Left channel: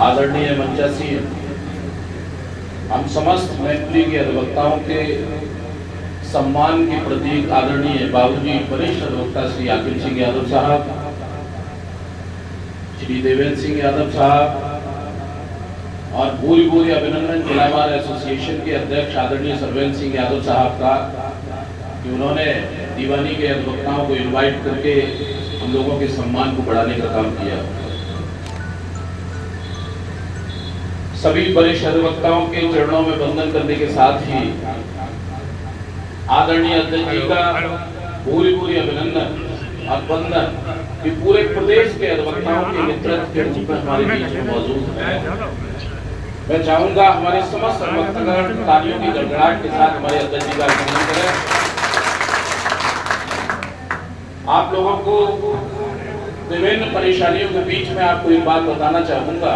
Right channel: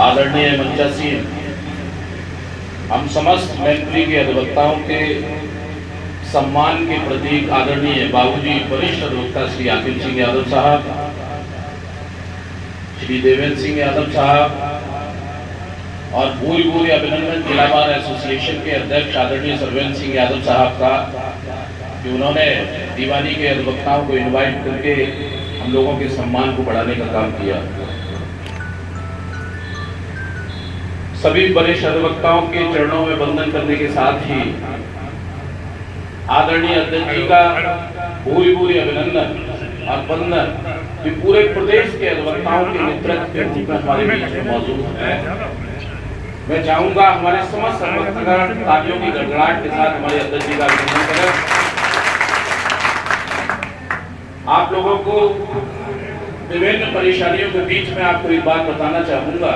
आदरणीय मंचासी हम समस्त मैत्री के अधिवक्ताओं के सम्मान के प्रतीक आदरणीय बाबूजी वरिष्ठ अधिवक्ता श्री आकिल सिंह यादव साहब, श्री देवेंद्र सिंह यादव साहब और पूरी पूरी अभिनंदन जिला बार एसोसिएशन के अध्यक्ष आदरणीय सर्वेंद्र सिंह यादव साहब का कि उन्होंने दीवानी के अधिवक्ताओं को इनवाइट करके हम लोगों के सम्मान को बढ़ाने का काम किया। सभी वरिष्ठ अधिवक्ताओं के चरणों में वंदन करने के साथ ही आदरणीय अध्यक्ष जी का पूरी पूरी अभिनंदन और वंदन कि पूरे प्रदेश के अधिवक्ताओं के नेतृत्व के रूप में हमारे बीच में मौजूद है। मैं चाहूंगा हमारे समस्त अधिवक्तागण तालियों की गड़गड़ाहट के साथ हमारे अध्यक्ष जी का अभिनंदन करें। आप लोगों को विभिन्न परेशानियों के बीच में आपको एक बात बताना चाहूंगा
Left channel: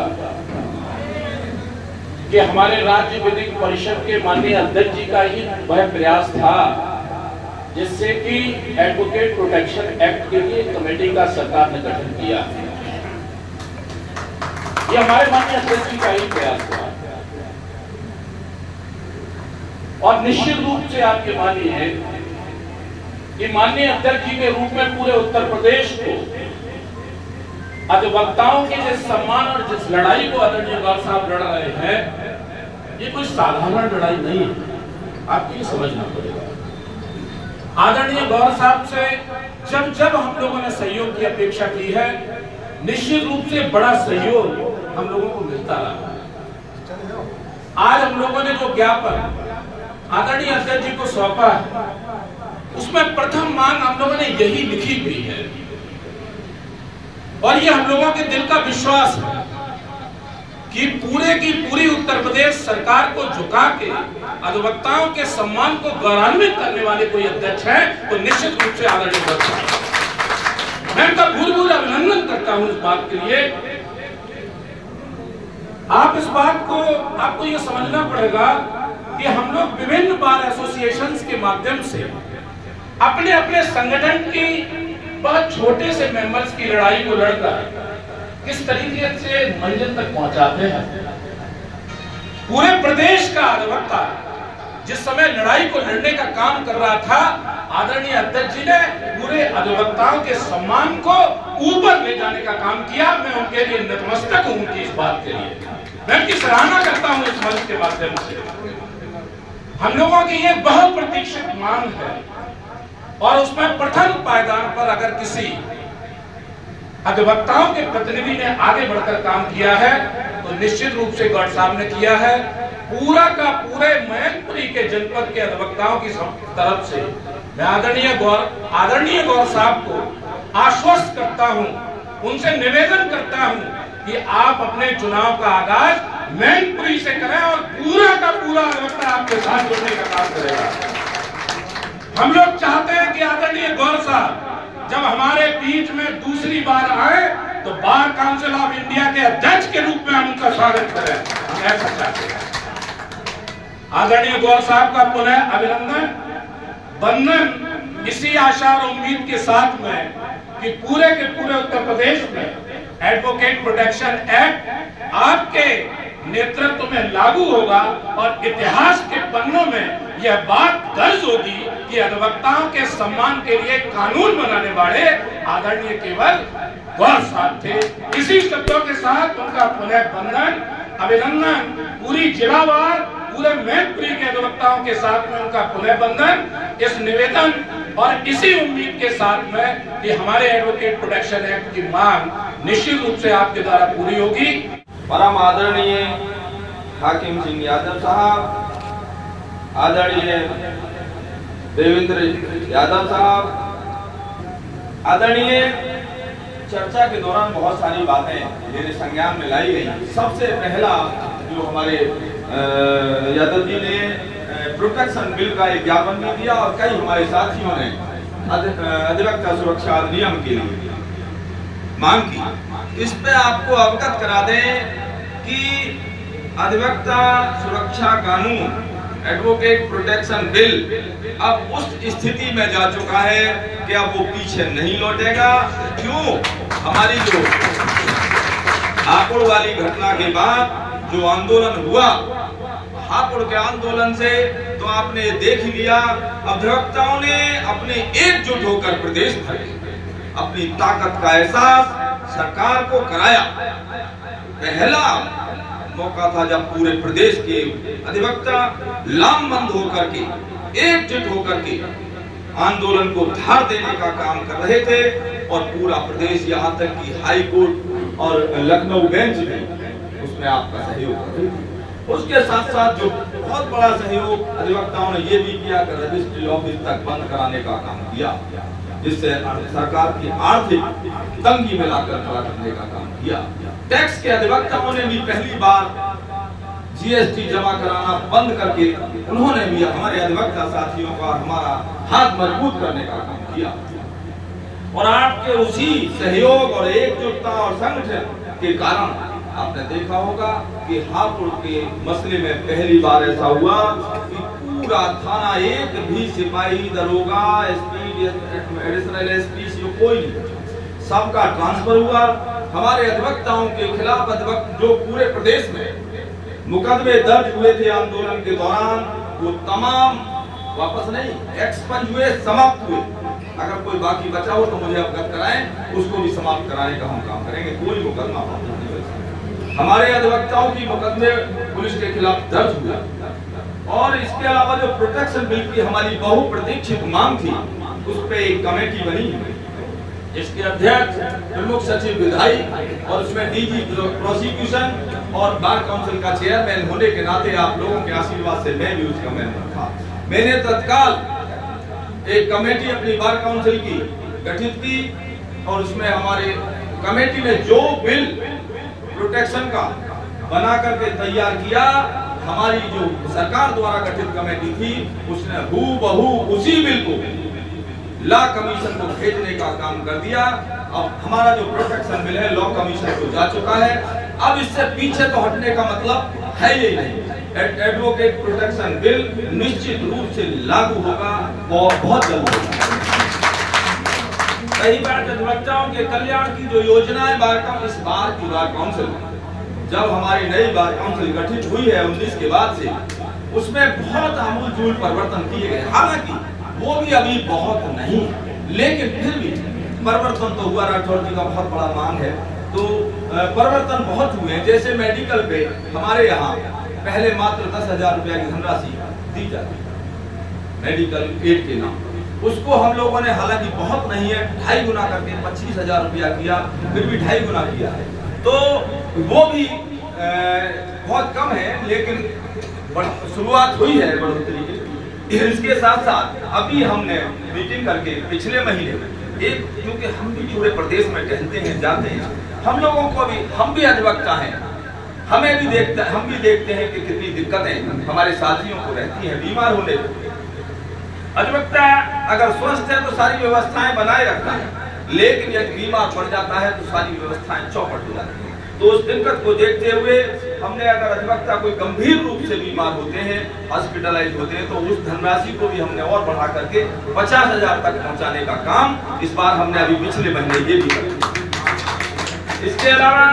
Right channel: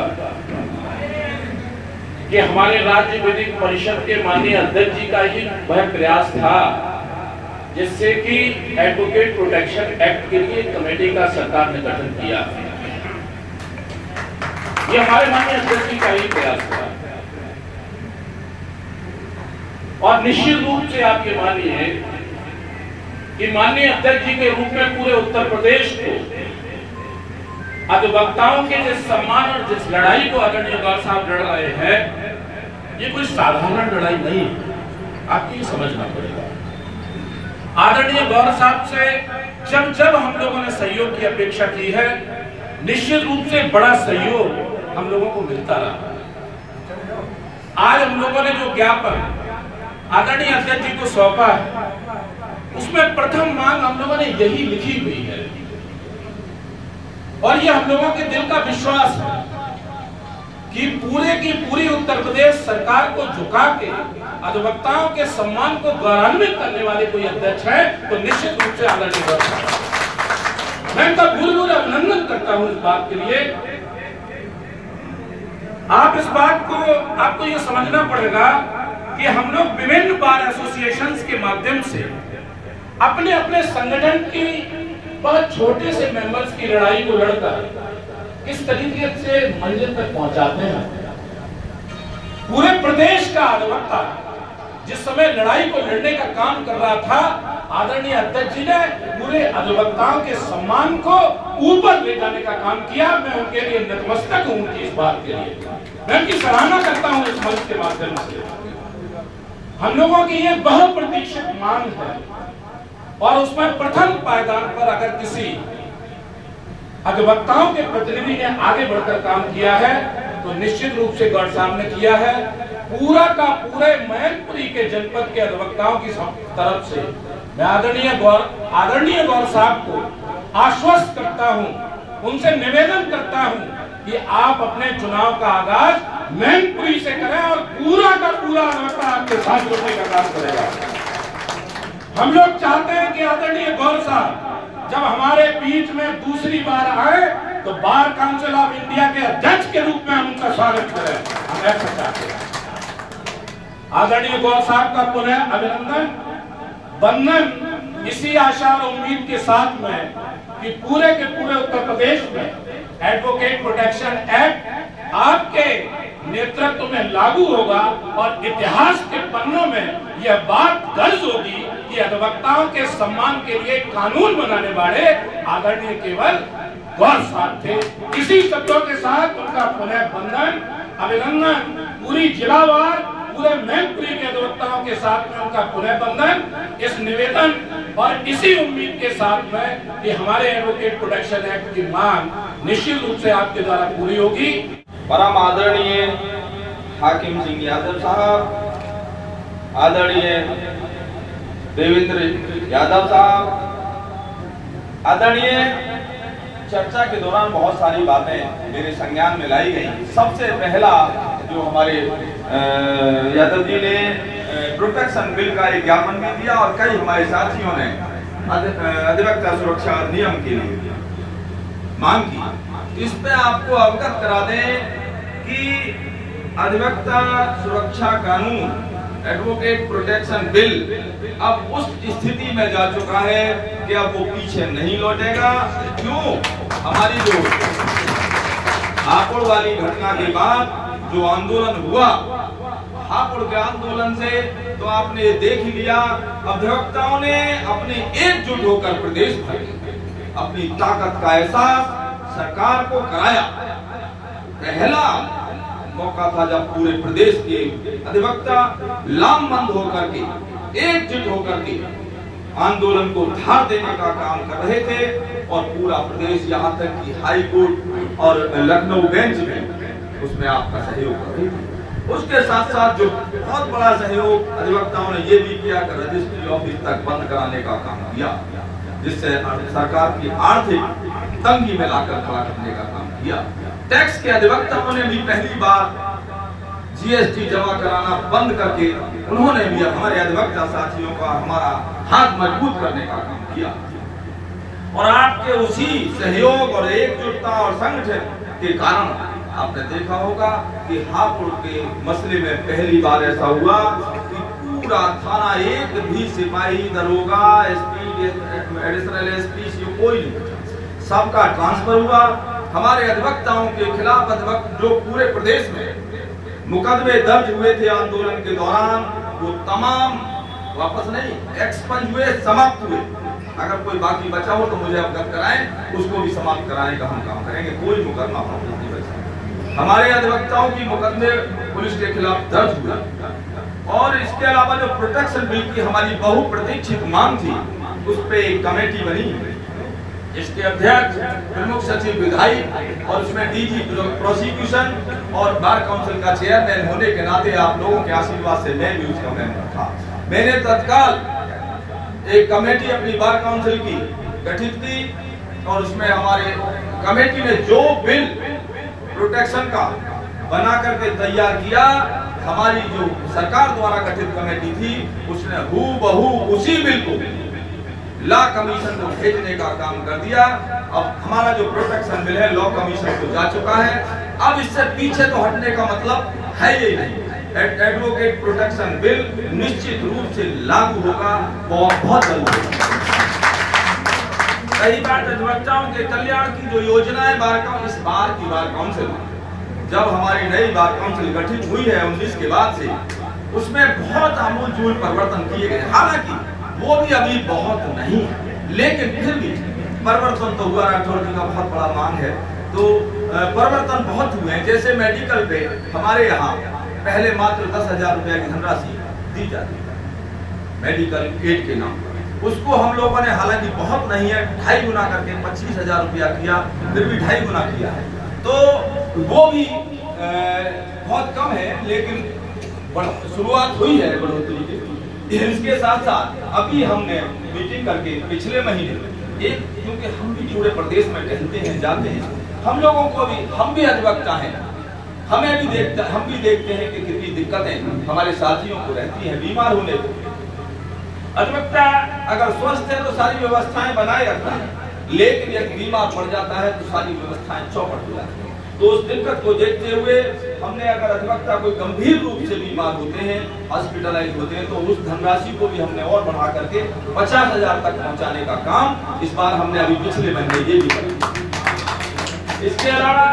कि हमारे राज्य विधिक परिषद के माननीय अध्यक्ष जी का ही वह प्रयास था जिससे कि एडवोकेट प्रोटेक्शन एक्ट के लिए कमेटी का सरकार ने गठन किया। ये हमारे माननीय अध्यक्ष जी का ही प्रयास था और निश्चित रूप से आप ये मानिए कि माननीय अध्यक्ष जी के रूप में पूरे उत्तर प्रदेश को अधिवक्ताओं के जिस सम्मान और जिस लड़ाई को आदरणीय गौर साहब लड़ रहे हैं, ये कोई साधारण लड़ाई नहीं है, आपको ये समझना पड़ेगा। आदरणीय गौर साहब से जब जब हम लोगों ने सहयोग की अपेक्षा की है, निश्चित रूप से बड़ा सहयोग हम लोगों को मिलता रहा। आज हम लोगों ने जो ज्ञापन आदरणीय अध्यक्ष जी को सौंपा है, उसमें प्रथम मांग हम लोगों ने यही लिखी हुई है और ये हम लोगों के दिल का विश्वास है कि पूरे की पूरी उत्तर प्रदेश सरकार को झुका के अधिवक्ताओं के सम्मान को गौरवान्वित करने वाले कोई अध्यक्ष है तो निश्चित रूप से आदरणीय गौर साहब। मैं इनका भूल अभिनंदन करता हूं इस बात के लिए। आप इस बात को आपको ये समझना पड़ेगा कि हम लोग विभिन्न बार एसोसिएशंस के माध्यम से अपने अपने संगठन की बहुत छोटे से मेंबर्स की लड़ाई को लड़कर किस तरीके से मंजिल तक पहुंचाते हैं। पूरे प्रदेश का अधिवक्ता जिस समय लड़ाई को लड़ने का काम कर रहा था, आदरणीय अध्यक्ष जी ने पूरे अधिवक्ताओं के सम्मान को ऊपर ले जाने का काम किया। मैं उनके लिए नतमस्तक हूं उनकी इस बात के लिए, मैं उनकी सराहना करता हूं इस मंच के माध्यम से। हम लोगों की ये बहुप्रतीक्षित मांग है और उसमें प्रथम पायदान पर अगर किसी अधिवक्ताओं के प्रतिनिधि ने आगे बढ़कर काम किया है तो निश्चित रूप से गौर साहब ने किया है। पूरा का पूरे मैनपुरी के जनपद के अधिवक्ताओं की तरफ से मैं आदरणीय गौर साहब को आश्वस्त करता हूं, उनसे निवेदन करता हूं कि आप अपने चुनाव का आगाज मैनपुरी से करें और पूरा का पूरा अधिवक्ता आपके साथ जुड़ने का काम करेगा। हम लोग चाहते हैं कि आदरणीय गौर साहब जब हमारे बीच में दूसरी बार आए तो बार काउंसिल ऑफ इंडिया के अध्यक्ष के रूप में हम उनका स्वागत करें। हम ऐसा चाहते हैं। आदरणीय गौर साहब का पुनः अभिनंदन वंदन इसी आशा और उम्मीद के साथ में कि पूरे के पूरे उत्तर प्रदेश में एडवोकेट प्रोटेक्शन एक्ट आपके नेतृत्व में लागू होगा और इतिहास के पन्नों में यह बात दर्ज होगी कि अधिवक्ताओं के सम्मान के लिए कानून बनाने वाले आदरणीय केवल गौर साहब थे। इसी शब्दों के साथ उनका पुनः वंदन अभिनंदन पूरी जिलावार पूरे मैनपुरी के अधिवक्ताओं के साथ में उनका पुनः वंदन, इस निवेदन और इसी उम्मीद के साथ में कि हमारे एडवोकेट प्रोटेक्शन एक्ट की मांग निश्चित रूप से आपके द्वारा पूरी होगी। परम आदरणीय हाकिम सिंह यादव साहब, आदरणीय देवेंद्र यादव साहब, आदरणीय चर्चा के दौरान बहुत सारी बातें मेरे संज्ञान में लाई गई। सबसे पहला जो हमारे यादव जी ने प्रोटेक्शन बिल का एक ज्ञापन भी दिया और कई हमारे साथियों ने अधिवक्ता सुरक्षा अधिनियम के लिए मांग की। इस पे आपको अवगत करा दें कि अधिवक्ता सुरक्षा कानून एडवोकेट प्रोटेक्शन बिल अब उस स्थिति में जा चुका है कि अब वो पीछे नहीं लौटेगा। क्यों? हमारी जो आप हापुड़ वाली घटना के बाद जो आंदोलन हुआ, हापुड़ के आंदोलन से तो आपने देख ही लिया, अधिवक्ताओं ने अपने एकजुट होकर प्रदेश भर में अपनी ताकत का एहसास सरकार को कराया। पहला मौका था जब पूरे प्रदेश के अधिवक्ता लामबंद होकर के, एकजुट होकर के आंदोलन को धार देने का काम कर रहे थे, और पूरा प्रदेश यहाँ तक कि हाई कोर्ट और लखनऊ बेंच में उसमें आपका सहयोग कर। उसके साथ साथ जो बहुत बड़ा सहयोग अधिवक्ताओं ने ये भी किया कि रजिस्ट्री ऑफिस तक बंद कराने का काम किया, जिससे सरकार की आर्थिक तंगी में लाकर खड़ा करने का काम किया। टैक्स के अधिवक्ताओं ने भी पहली बार जीएसटी जमा कराना बंद करके उन्होंने भी हमारे अधिवक्ता साथियों का हमारा हाथ मजबूत करने का काम किया। और आपके उसी सहयोग और एकजुटता और संगठन के कारण आपने देखा होगा कि हापुड़ के मसले में पहली बार ऐसा हुआ कि पूरा थाना, एक भी सिपाही, दरोगा, एसपी, एडिशनल एसपी कोई नहीं बचा, सबका ट्रांसफर हुआ। हमारे अधिवक्ताओं के खिलाफ जो पूरे प्रदेश में मुकदमे दर्ज हुए थे आंदोलन के दौरान, वो तमाम वापस नहीं, एक्सपंज हुए, समाप्त हुए। अगर कोई बाकी बचा हो तो मुझे अवगत कराएं, उसको भी समाप्त कराने का हम काम करेंगे। कोई मुकदमा वापस नहीं बचा। हमारे अधिवक्ताओं की मुकदमे पुलिस के खिलाफ दर्ज हुए, और इसके अलावा जो प्रोटेक्शन बिल की हमारी बहुप्रतीक्षित मांग थी, उस पे एक कमेटी बनी, इसके अध्यक्ष प्रमुख सचिव विधायी और उसमें डीजी प्रोसिक्यूशन और बार काउंसिल का चेयरमैन होने के नाते आप लोगों के आशीर्वाद से मैं भी उसका मेंबर था। मैंने तत्काल एक कमेटी अपनी बार काउंसिल की गठित की, और उसमें हमारे कमेटी ने जो बिल प्रोटेक्शन का बना करके तैयार किया, हमारी जो सरकार द्वारा गठित कमेटी थी उसने हूबहू उसी बिल को लॉ कमीशन को भेजने का काम कर दिया। अब हमारा जो प्रोटेक्शन बिल है लॉ कमीशन को जा चुका है। अब इससे पीछे तो हटने का मतलब है ही नहीं। एडवोकेट प्रोटेक्शन बिल निश्चित रूप से लागू होगा, बहुत जल्द। सही बात, अधिवक्ताओं के कल्याण की जो योजना है इस बार की बार काउंसिल, जब हमारी नई बार काउंसिल गठित हुई है 19 के बाद से, उसमें बहुत आमूल परिवर्तन किए गए। हालांकि वो भी अभी बहुत नहीं है, लेकिन फिर भी परिवर्तन तो हुआ। राठौर जी का बहुत बड़ा मांग है, तो परिवर्तन बहुत हुए हैं। जैसे मेडिकल पे हमारे यहाँ पहले मात्र 10,000 रुपया की धनराशि दी जाती है मेडिकल एड के नाम, उसको हम लोगों ने, हालांकि बहुत नहीं है, 2.5 गुना करके 25,000 रुपया किया, फिर भी 2.5 गुना किया है, तो वो भी बहुत कम है, लेकिन शुरुआत हुई है बढ़ोतरी की। इसके साथ साथ अभी हमने मीटिंग करके पिछले महीने एक, क्योंकि हम भी पूरे प्रदेश में टहलते हैं, जाते हैं, हम लोगों को भी, हम भी अधिवक्ता हैं, हम भी देखते हैं कि कितनी दिक्कतें हमारे साथियों को रहती हैं बीमार होने पर। अधिवक्ता अगर स्वस्थ है तो सारी व्यवस्थाएं बनाए रखता है, लेकिन यदि बीमार पड़ जाता है तो सारी व्यवस्थाएं चौपट हो जाती हैं। तो उस दिक्कत को देखते हुए हमने, अगर अधिवक्ता कोई गंभीर रूप से बीमार होते हैं, हॉस्पिटलाइज होते हैं, तो उस धनराशि को भी हमने और बढ़ा करके 50,000 तक पहुंचाने का काम इस बार हमने अभी पिछले महीने ये भी किया। इसके अलावा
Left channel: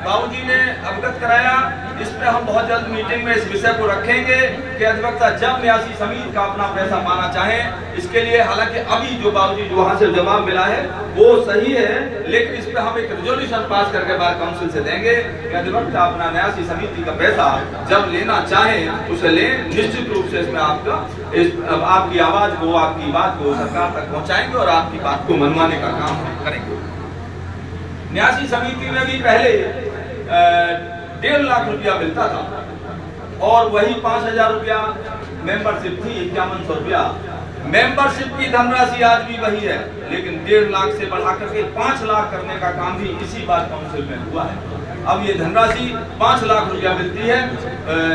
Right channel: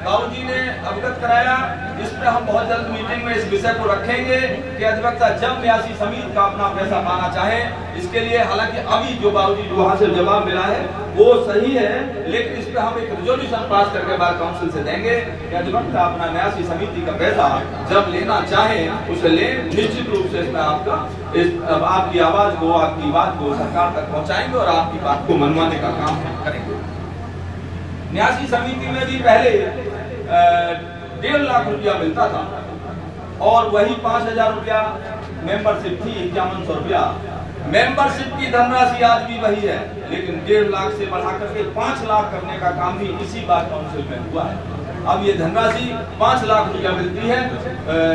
बाबूजी ने अवगत कराया, इस पे हम बहुत जल्द मीटिंग में इस विषय को रखेंगे कि अधिवक्ता जब न्यासी समिति का अपना पैसा पाना चाहे, इसके लिए, हालांकि अभी जो बाबूजी जो वहां से जवाब मिला है वो सही है, लेकिन इस पे हम एक रेजोल्यूशन पास करके बार काउंसिल से देंगे कि अधिवक्ता अपना न्यासी समिति का पैसा जब लेना चाहे उसे ले। निश्चित रूप से इसमें आपकी आवाज को, आपकी बात को सरकार तक पहुंचाएंगे और आपकी बात को मनवाने का काम करेंगे। न्यासी समिति में भी पहले 1.5 लाख रुपया मिलता था, और वही 5,000 रुपया मेंबरशिप थी, 5100 रुपया मेंबरशिप की धनराशि आज भी वही है, लेकिन 1.5 लाख से बढ़ा करके 5 लाख करने का काम भी इसी बार काउंसिल में हुआ है। अब ये धनराशि 5 लाख रुपया मिलती है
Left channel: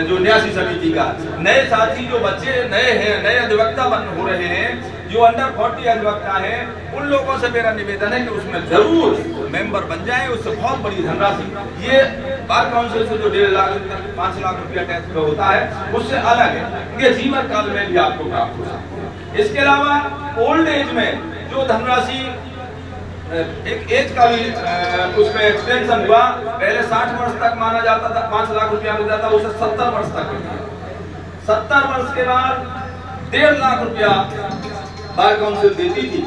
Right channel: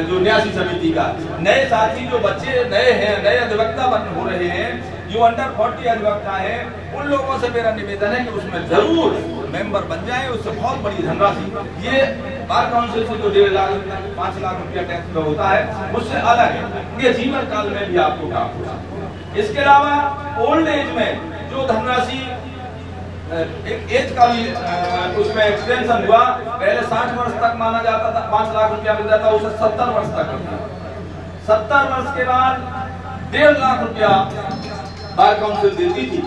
जो न्यासी समिति का। नए साथी जो बच्चे नए हैं, नए अधिवक्ता हो रहे हैं, जो अंडर 40 अधिवक्ता हैं, उन लोगों से मेरा निवेदन है कि उसमें जरूर मेंबर बन जाएं। उससे बहुत बड़ी धनराशि, ये बार काउंसिल से जो 1.5 लाख 5 लाख रुपया टैक्स में होता है, उससे अलग है, ये जीवन काल में भी आपको प्राप्त हो सकता है। इसके अलावा ओल्ड एज में जो धनराशि एक एज का भी उसमें एक्सटेंशन हुआ। पहले 60 वर्ष तक माना जाता था, 5 लाख रुपया मिलता था, उसे 70 वर्ष तक कर दिया। 70 वर्ष के बाद 1.5 लाख रुपया बार काउंसिल देती थी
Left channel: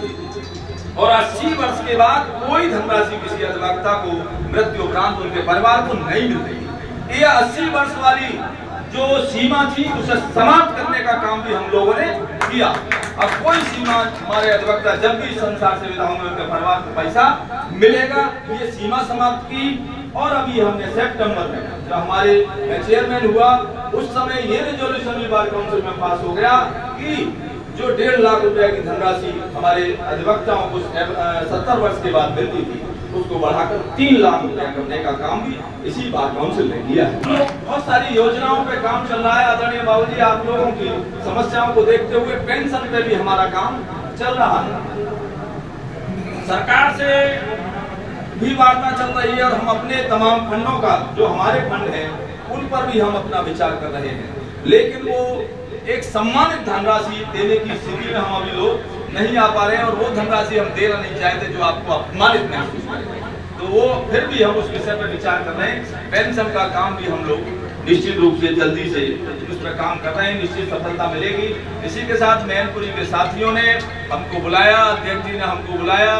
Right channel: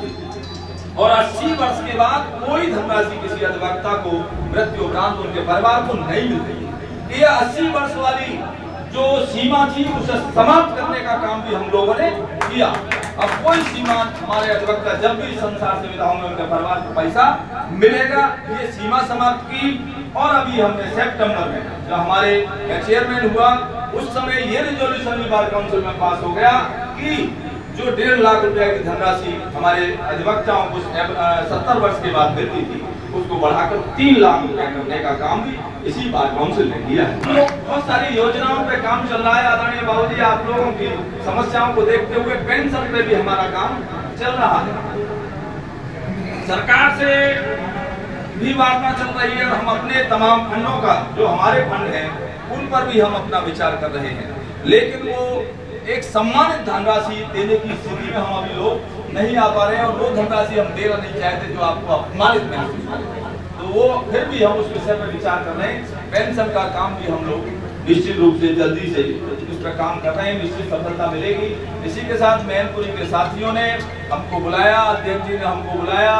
और 80 वर्ष के बाद कोई धनराशि किसी अधिवक्ता को मृत्यु उपरांत उनके परिवार को नहीं मिलती। ये 80 वर्ष वाली जो सीमा थी उसे समाप्त करने का काम भी हम लोगों ने किया। अब कोई सीमा हमारे अधिवक्ता जब भी संसार से विदा होंगे उनके परिवार को पैसा मिलेगा, ये सीमा समाप्त की। और अभी हमने सितंबर में जो हमारे चेयरमैन हुआ उस समय ये रिजोल्यूशन भी बार काउंसिल में पास हो गया कि जो 1.5 लाख रुपए की धनराशि हमारे अधिवक्ताओं को 70 वर्ष के बाद मिलती थी उसको बढ़ाकर 3 लाख रुपया करने का काम भी इसी बार काउंसिल ने किया है। तो बहुत सारी योजनाओं पे काम चल रहा है। आदरणीय बाबूजी, आप लोगों की समस्याओं को देखते हुए पेंशन पे भी हमारा काम चल रहा है। सरकार से भी वार्ता चल रही है और हम अपने तमाम फंडों का जो हमारे फंड हैं उन पर भी हम अपना विचार कर रहे हैं, लेकिन वो एक सम्मानित धनराशि देने की स्थिति में हम अभी लोग नहीं आ पा रहे हैं और वो धनराशि हम देना नहीं चाहते जो आपको अपमानित महसूस करें। तो वो फिर भी हम उस विषय पर विचार कर रहे हैं। पेंशन का काम भी हम लोग निश्चित रूप से जल्दी से उस पर काम कर रहे हैं, निश्चित सफलता मिलेगी। इसी के साथ मैनपुरी के साथियों ने हमको बुलाया, अध्यक्ष जी ने हमको बुलाया,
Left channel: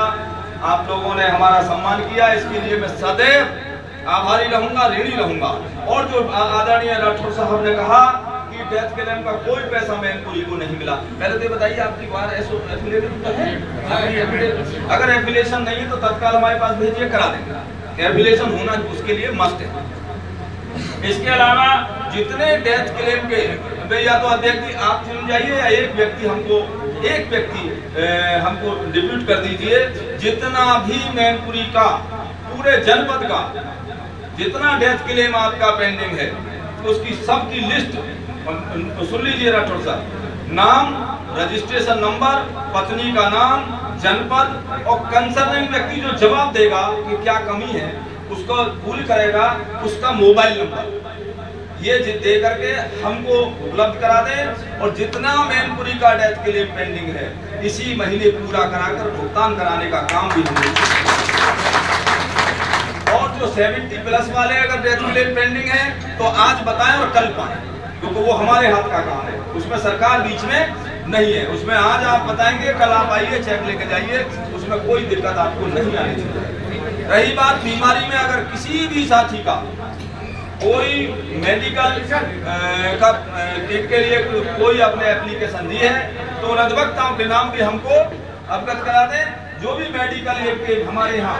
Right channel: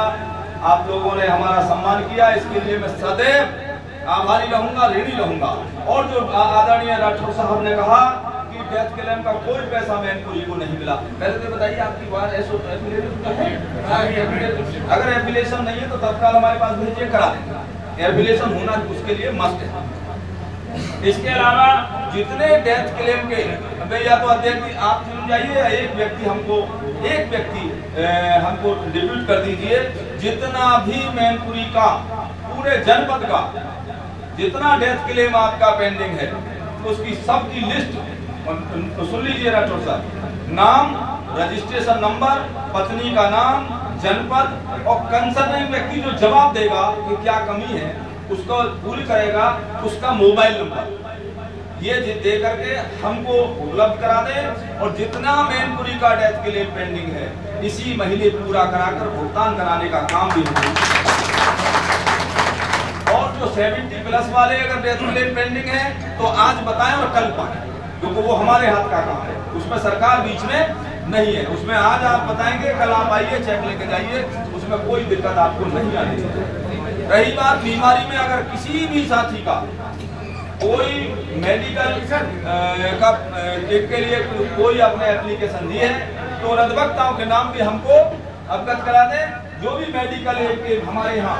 आप लोगों ने हमारा सम्मान किया, इसके लिए मैं सदैव आभारी रहूंगा, ऋणी रहूंगा। और जो आदरणीय राठौर साहब ने कहा कि डेथ क्लेम का कोई पैसा मैनपुरी को नहीं मिला, पहले तो बताइए आपकी बार एफिलेटेड तो है? अगर एफिलेशन नहीं है तो तत्काल हमारे पास भेजिए, करा देंगे। एफिलेशन होना उसके लिए मस्ट है। इसके अलावा जितने डेथ क्लेम के या तो अध्यक्ष जी आप चुन जाइए या एक व्यक्ति हमको डिप्यूट कर दीजिए, जितना भी मैनपुरी का पूरे जनपद का जितना डेथ क्लेम आपका पेंडिंग है उसकी सबकी लिस्ट सुन लीजिए राठौर साहब, नाम, रजिस्ट्रेशन नंबर, पत्नी का नाम, जनपद और कंसर्निंग व्यक्ति जो जवाब देगा कि क्या कमी है उसको पूरी करेगा, उसका मोबाइल नंबर ये दे करके हमको उपलब्ध करा दे। और जितना मैनपुरी का डेथ के लिए पेंडिंग है इसी महीने पूरा कराकर भुगतान कराने का काम भी हम। और जो 70+ वाले अगर डेथ के लिए पेंडिंग है तो आज बताएं और कल पाएं, क्योंकि वो हमारे हाथ का काम है, उसमें सरकार बीच में नहीं है। उसमें आज आप बताएंगे, कल आप आइए, चेक लेके जाइए, उसमें कोई दिक्कत आपको नहीं आनी चाहिए। रही बात बीमारी में, अगर किसी भी साथी का कोई मेडिकल का के लिए कोई अपने एप्लीकेशन दी है तो अधिवक्ताओं के नाम भी हमको अवगत करा दें। जो भी मेडिकल एड के हमारे यहाँ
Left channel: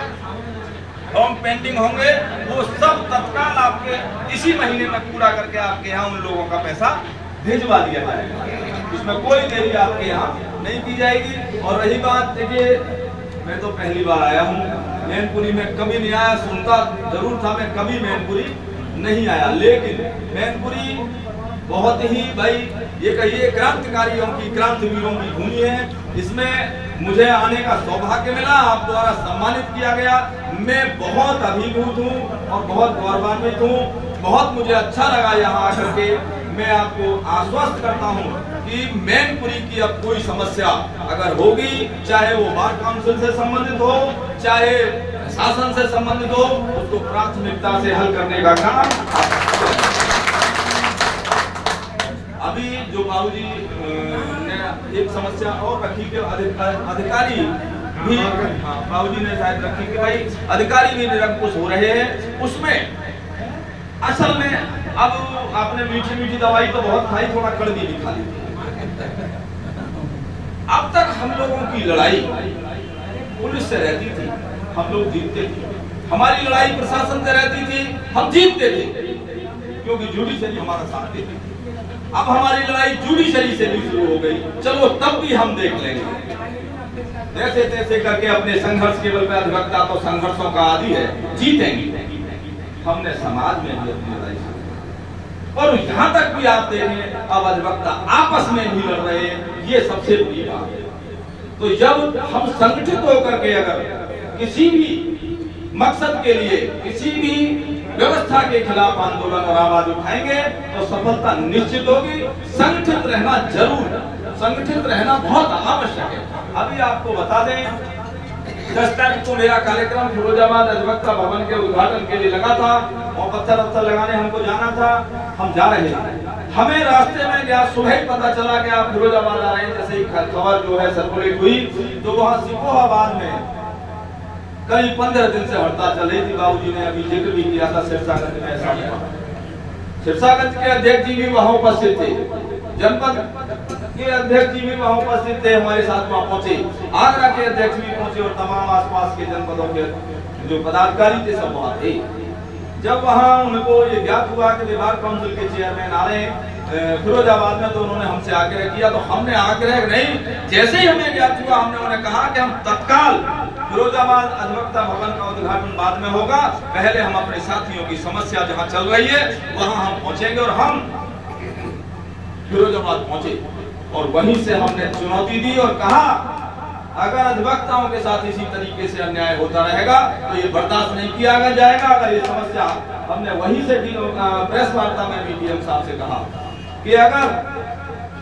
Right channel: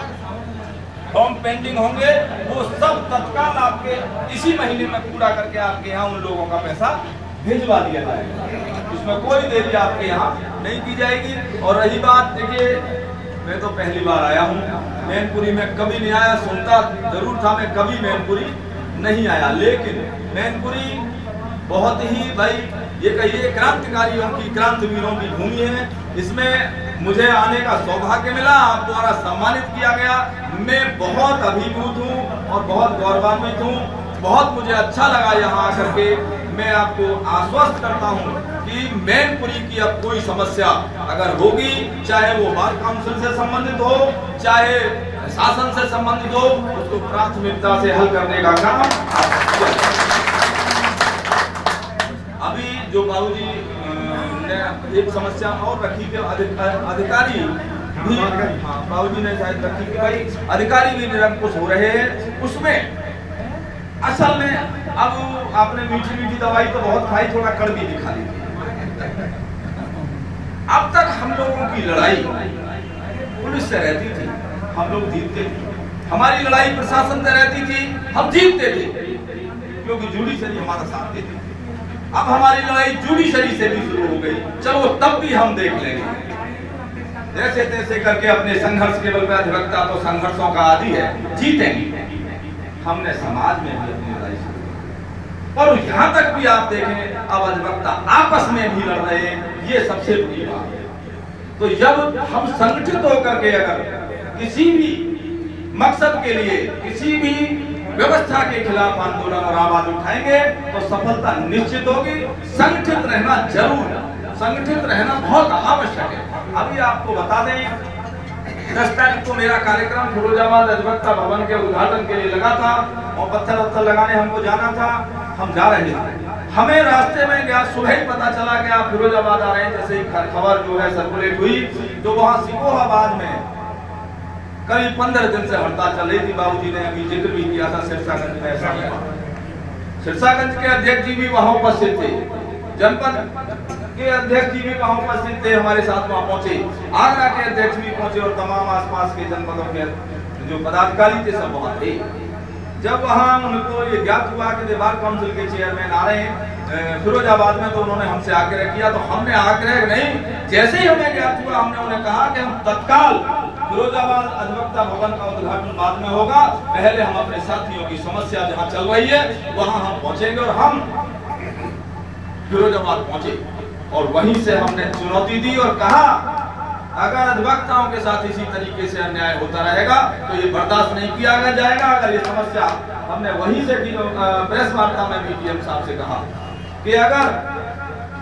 फॉर्म पेंडिंग होंगे वो सब तत्काल आपके इसी महीने में पूरा करके आपके यहाँ उन लोगों का पैसा भिजवा दिया जाएगा, इसमें कोई देरी आपके यहाँ नहीं की जाएगी। और रही बात, देखिए मैं तो पहली बार आया हूँ मैनपुरी में, कभी नहीं आया, सुनता जरूर था मैं, कभी मैनपुरी नहीं आया, लेकिन मैनपुरी बहुत ही भाई ये कहिए क्रांतिकारियों की, क्रांतिवीरों की भूमि है। इसमें मुझे आने का सौभाग्य मिला, आप द्वारा सम्मानित किया गया, मैं बहुत अभिभूत हूँ और बहुत गौरवान्वित हूँ। बहुत मुझे अच्छा लगा यहाँ आकर के। मैं आपको आश्वस्त करता हूँ कि मैनपुरी की अब कोई समस्या अगर होगी, चाहे वो बार काउंसिल से संबंधित हो, चाहे शासन से संबंधित हो, उसको प्राथमिकता से हल करने का काम। अभी जो बाबूजी ने एक समस्या और रखी कि अधिकारी भी, हाँ बाबूजी ने शायद रखी कि भाई अधिकारी भी निरंकुश हो रहे हैं। उसमें असल में अब आपने मीठी मीठी दवाई तो बहुत खाई, थोड़ा कड़वी भी खा ली। अब तक हम लोगों की लड़ाई पुलिस से रहती थी, हम लोग जीतते थे। हमारी लड़ाई प्रशासन से रहती थी, हम जीतते थे, क्योंकि जुडिशरी हमारा साथ देती थी। अब हमारी लड़ाई जुडिशरी से भी शुरू हो गई, चलो तब भी हम देख लेंगे, जैसे तैसे करके अपने संघर्ष के बल पे। अधिवक्ता तो संघर्षों का आदि है, जीतेंगे। हमने समाज में भी अपनी लड़ाई शुरू, और यहाँ तक भी आप देखें अब अधिवक्ता आपस में भी लड़ रहे हैं, ये सबसे बड़ी बात है। तो जब हम संगठित होकर के अगर किसी भी मकसद के लिए, किसी भी व्यवस्था के खिलाफ आंदोलन और आवाज उठाएंगे तो सफलता निश्चित होगी। संगठित रहना जरूर, संगठित रहना बहुत आवश्यक है। अभी आपको बता दें 10 तारीख को मेरा कार्यक्रम फिरोजाबाद अधिवक्ता भवन के उद्घाटन के लिए लगा था और पत्थर वत्थर लगाने हमको जाना था। हम जा रहे थे, हमें रास्ते में गया सुबह ही पता चला कि आप फिरोजाबाद आ रहे हैं। जैसे ही खबर जो है सर्कुलेट हुई तो वहाँ सिकोहाबाद में करीब 15 दिन से हड़ताल चल रही थी। बाबूजी ने अभी जिक्र भी किया था, सिरसागंज में ऐसा हुआ। सिरसागंज के अध्यक्ष जी भी वहाँ उपस्थित थे, जनपद के अध्यक्ष जी भी वहाँ उपस्थित थे, हमारे साथ वहाँ पहुंचे। आगरा के अध्यक्ष भी पहुंचे और तमाम आसपास के जनपदों के जो पदाधिकारी थे सब वहाँ थे। जब वहाँ उनको ये ज्ञात हुआ कि विभाग काउंसिल के चेयरमैन आ रहे हैं फिरोजाबाद में, तो उन्होंने हमसे आग्रह किया। तो हमने आग्रह नहीं, जैसे ही हमें ज्ञात हुआ हमने उन्हें कहा कि हम तत्काल फिरोजाबाद अधिवक्ता भवन का उद्घाटन बाद में होगा, पहले हम अपने साथियों की समस्या जहाँ चल रही है वहाँ हम पहुंचेंगे। और हम फिरोजाबाद पहुंचे और वहीं से हमने चुनौती दी और कहा अगर अधिवक्ताओं के साथ इसी तरीके से अन्याय होता रहेगा तो ये बर्दाश्त नहीं किया जाएगा। अगर ये समस्या, हमने वहीं से प्रेस वार्ता में डीएम साहब से कहा कि अगर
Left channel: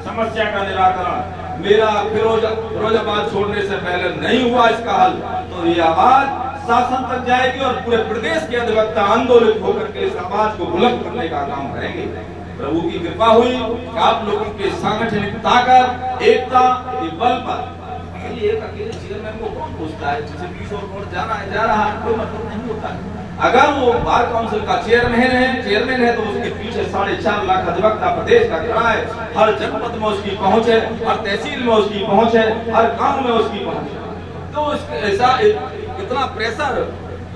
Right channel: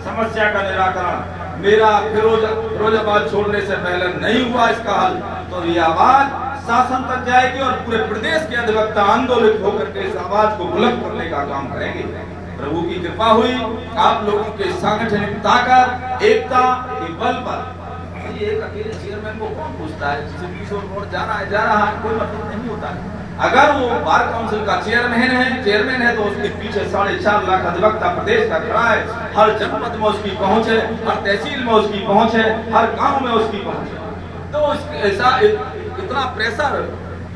समस्या का निराकरण मेरा फिरोजाबाद छोड़ने से पहले नहीं हुआ इसका हल, तो ये आवाज शासन तक जाएगी और पूरे प्रदेश के अधिवक्ता आंदोलित होकर के इस आवाज को बुलंद करने का काम करेंगे। प्रभु की कृपा हुई, आप लोगों के सांगठनिक ताकत, एकता के बल पर ये एक अकेले चेयरमैन को कौन पूछता है, जिसे पुलिस और कोर्ट जा रहा है, कोई मतलब नहीं होता है। अगर वो बार काउंसिल का चेयरमैन है तो उसके पीछे 4.5 लाख अधिवक्ता प्रदेश का खड़ा है। हर जनपद में उसकी पहुंच है, हर तहसील में उसकी पहुंच है, हर गांव में उसकी पहुंच है। तो ऐसा इतना प्रेशर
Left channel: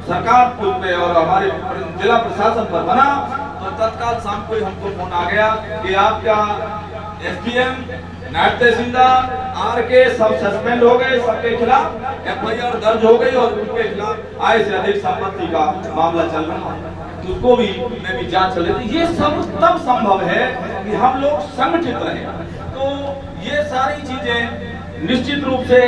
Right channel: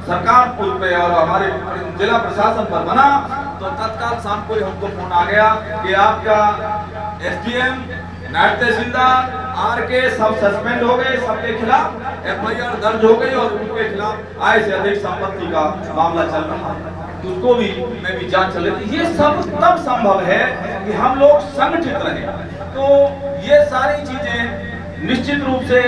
सरकार पे और हमारे जिला प्रशासन पर बना, तो तत्काल शाम को हमको फोन आ गया कि आपका एसडीएम, नायब तहसीलदार, आरके सब सस्पेंड हो गए, सबके खिलाफ एफआईआर दर्ज हो गई और उनके खिलाफ आय से अधिक संपत्ति का मामला चल रहा है। तो उसको भी मैं भी जांच चले। ये सब तब संभव है कि हम लोग संगठित रहे। तो ये सारी चीजें निश्चित रूप से,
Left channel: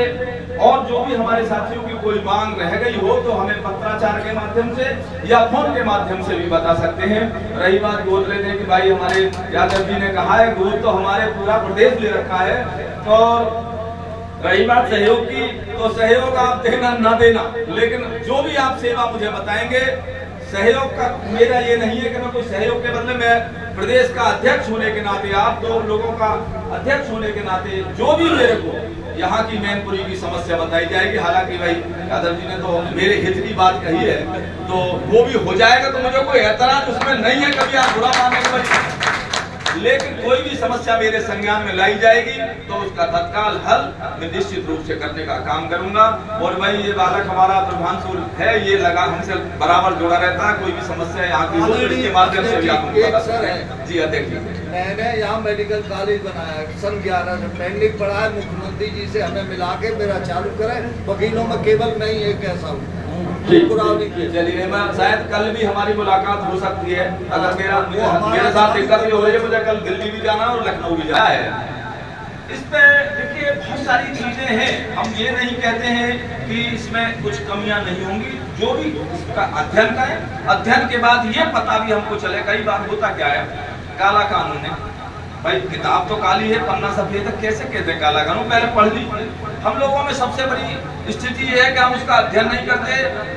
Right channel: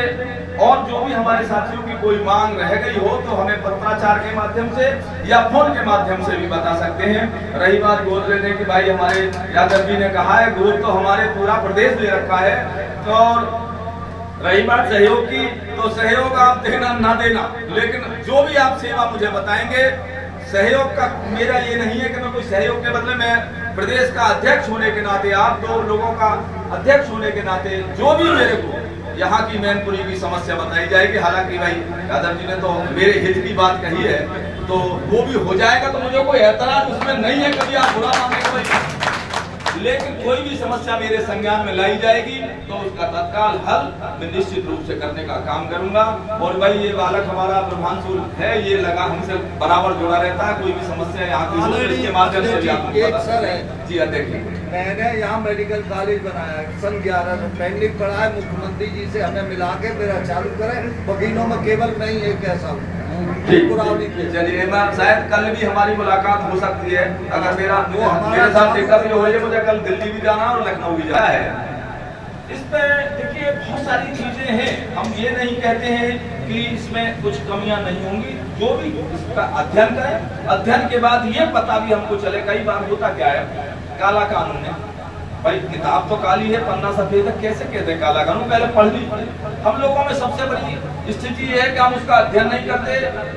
और जो भी हमारे साथियों की कोई मांग रह गई हो तो हमें पत्राचार के माध्यम से या फोन के माध्यम से भी बता सकते हैं। रही बात गोद लेने की, भाई हमारे यादव जी ने कहा है गोद तो हमारे पूरा प्रदेश ले रखा है। तो रही बात सहयोग की, तो सहयोग आप देना ना देना, लेकिन जो भी आप सेवा मुझे बताएंगे, सहयोग का मेरा ये नहीं है कि मैं कोई सहयोग के बदले में प्रदेश का अध्यक्ष होने के नाते, आप 2 लोगों का अध्यक्ष होने के नाते जो भी मेरे को यहाँ की मैनपुरी की समस्या बताई जाएगी। हालांकि भाई यादव जी ने तो मेरे हित की बात कही है, तो वो भी हो जाएगा। तो मुझे कोई ऐतराज उसमें नहीं है, कभी आप बुरा मानेंगे, लेकिन कोई भी समस्या मेरे संज्ञान में लाई जाएगी तो उसका तत्काल हल मैं निश्चित रूप से करने का काम करूंगा। और भाई ये बालक हमारा प्रभांशु है, ये लगा हमसे बराबर जुड़ा रहता है। कोई भी समस्या यहाँ की के माध्यम से भी आपको सर है जी अध्यक्ष, मैंने यहाँ मेडिकल कॉलेज बनाया सन 11 से पेंडिंग पड़ा है। मुख्यमंत्री जी से हमें मिला के मेरा चालू करें। वकीलों में केवल मैं ही एक ऐसा हूँ। चलिए मैं शायद कल भी हमारी मुलाकात हो सकती है। अगर मेरे साथ दिक्कत हो रही है, मुझे कल दिल्ली भी जाना और लखनऊ भी जाना है। इस पे देखिए बहुत सारी चीजें हैं। हम ये नहीं कहते हैं कि इसमें कुछ कमियां नहीं होंगी, जो भी इसका अध्ययन करें। अध्ययन के बाद ये पता भी हमको चले, कई बार होता क्या है, काला कानून है भाई, किताब तो काली है, पन्ना सफेद है, कैसे कहते हैं काला कानून, पहले पढ़ लीजिए। हम लोगों में सबसे बड़ी स्थिति ये है कि हम उसका अध्ययन नहीं करते,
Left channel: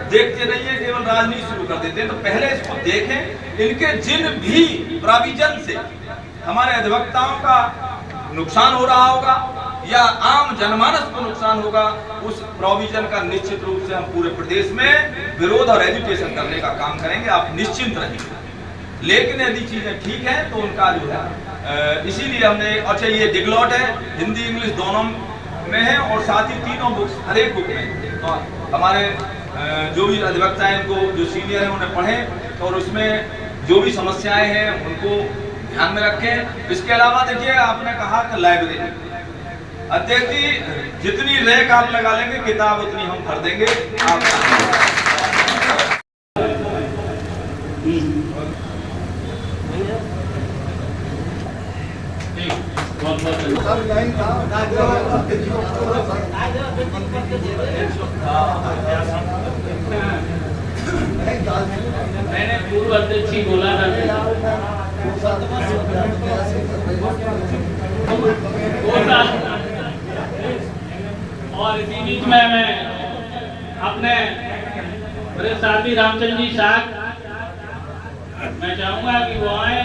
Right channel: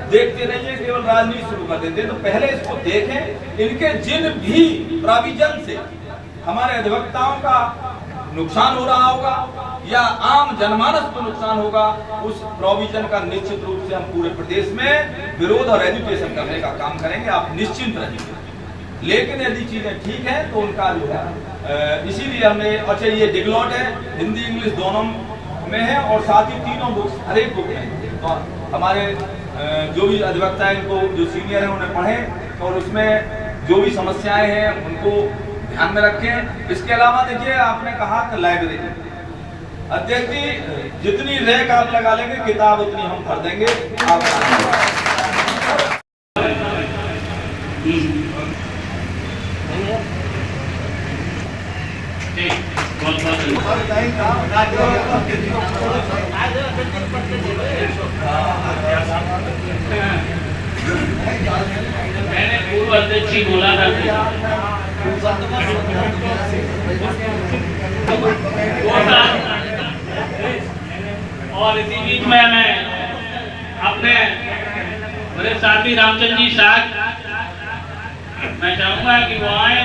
देखते नहीं है, केवल राजनीति शुरू कर देते हैं। तो पहले इसको देखें, इनके जिन भी प्रोविजन से हमारे अधिवक्ताओं का नुकसान हो रहा होगा या आम जनमानस को नुकसान होगा, उस प्रोविजन का निश्चित रूप से हम पूरे प्रदेश में विरोध और एजुकेशन करने का काम करेंगे। आप निश्चिंत रहिए। लेकिन यदि चीजें ठीक है तो उनका जो है इसीलिए हमने, अच्छा ये डिगलॉट है, हिंदी इंग्लिश दोनों में है और साथ ही तीनों बुक्स हर एक बुक में। तो हमारे जो भी अधिवक्ता हैं, इनको जो सीनियर हैं उन्हें पढ़ें और उसमें जो भी समस्याएं हैं उनको ध्यान में रखें। इसके अलावा देखिए आपने कहा कि लाइब्रेरी, अध्यक्ष जी जितनी रैक आप लगा लेंगे किताब उतनी हम भर देंगे। मैंने पूर्व अध्यक्ष ही बोला था और इसी बीच में मैं अपने मेरे साथी रामचंद्र जी साथ मैं चाहूंगा कि वो आए।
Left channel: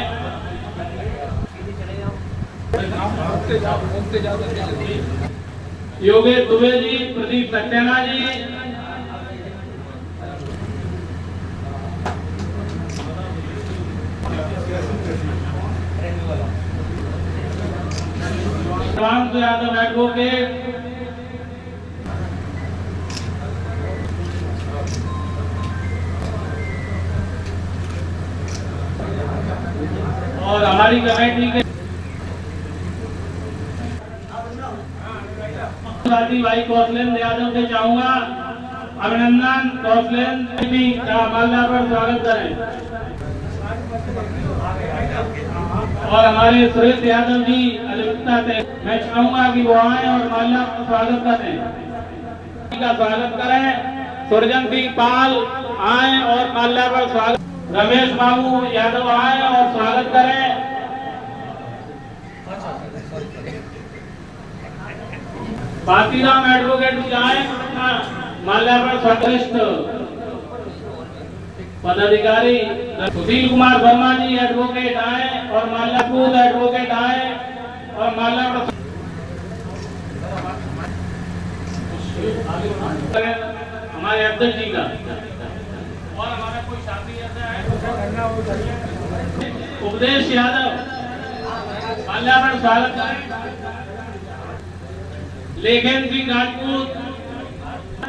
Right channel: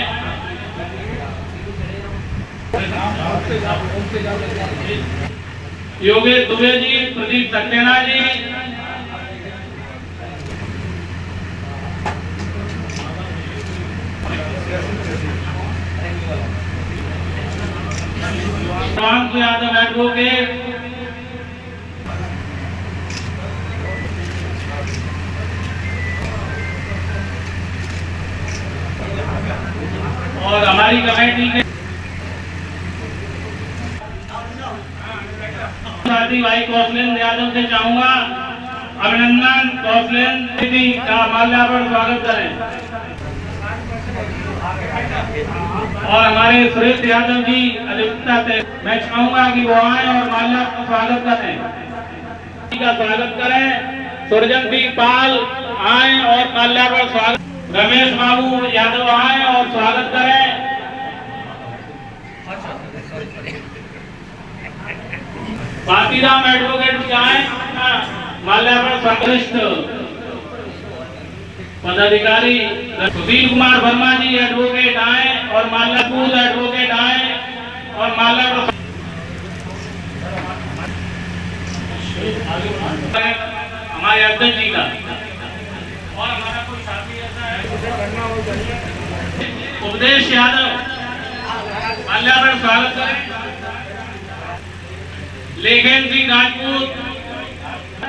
योगेश दुबे जी, प्रदीप सक्सेना जी, रामचंद्र यादव एडवोकेट, और हमारी कमेटी के साथी भाई कौशलेंद्र यादव से चाहूंगा अभिनंदन। कौशलेंद्र जी का माल्यार्पण स्वागत करें। और हमारे सुरेश यादव जी अधिवक्ता से मैं चाहूंगा कि वो आए और माल्यार्पण स्वागत करें। का स्वागत करें। सुरजन सिंह पाल आए और माल्यार्पण स्वागत। रमेश बाबू यादव आए और स्वागत करें। बातीराम एडवोकेट जाए माल्यार्पण स्वागत। पदाधिकारी सुशील कुमार वर्मा जी एडवोकेट आए और माल्यार्पण एडवोकेट आए और माल्यार्पण हमारे अध्यक्ष जी का। और हमारा कोई साथी ऐसा है उपदेश यादव माल्यार्पण स्वागत करें। लेखन सिंह राजपूत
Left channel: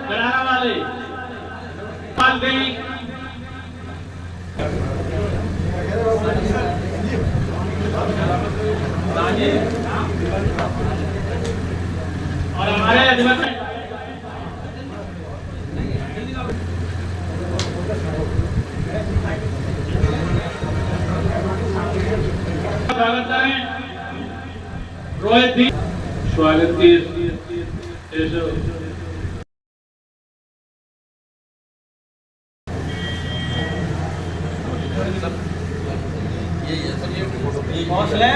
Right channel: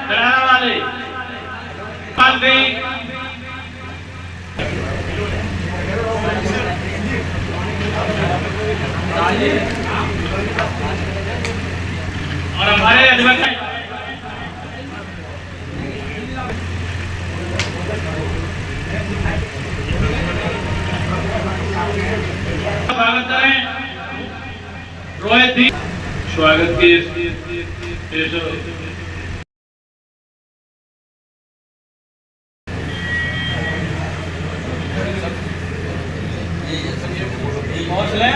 गरारा वाले पाल सिंह और हमारे अधिवक्ता स्वागत करें। रोहित जी स्वागत की हौसले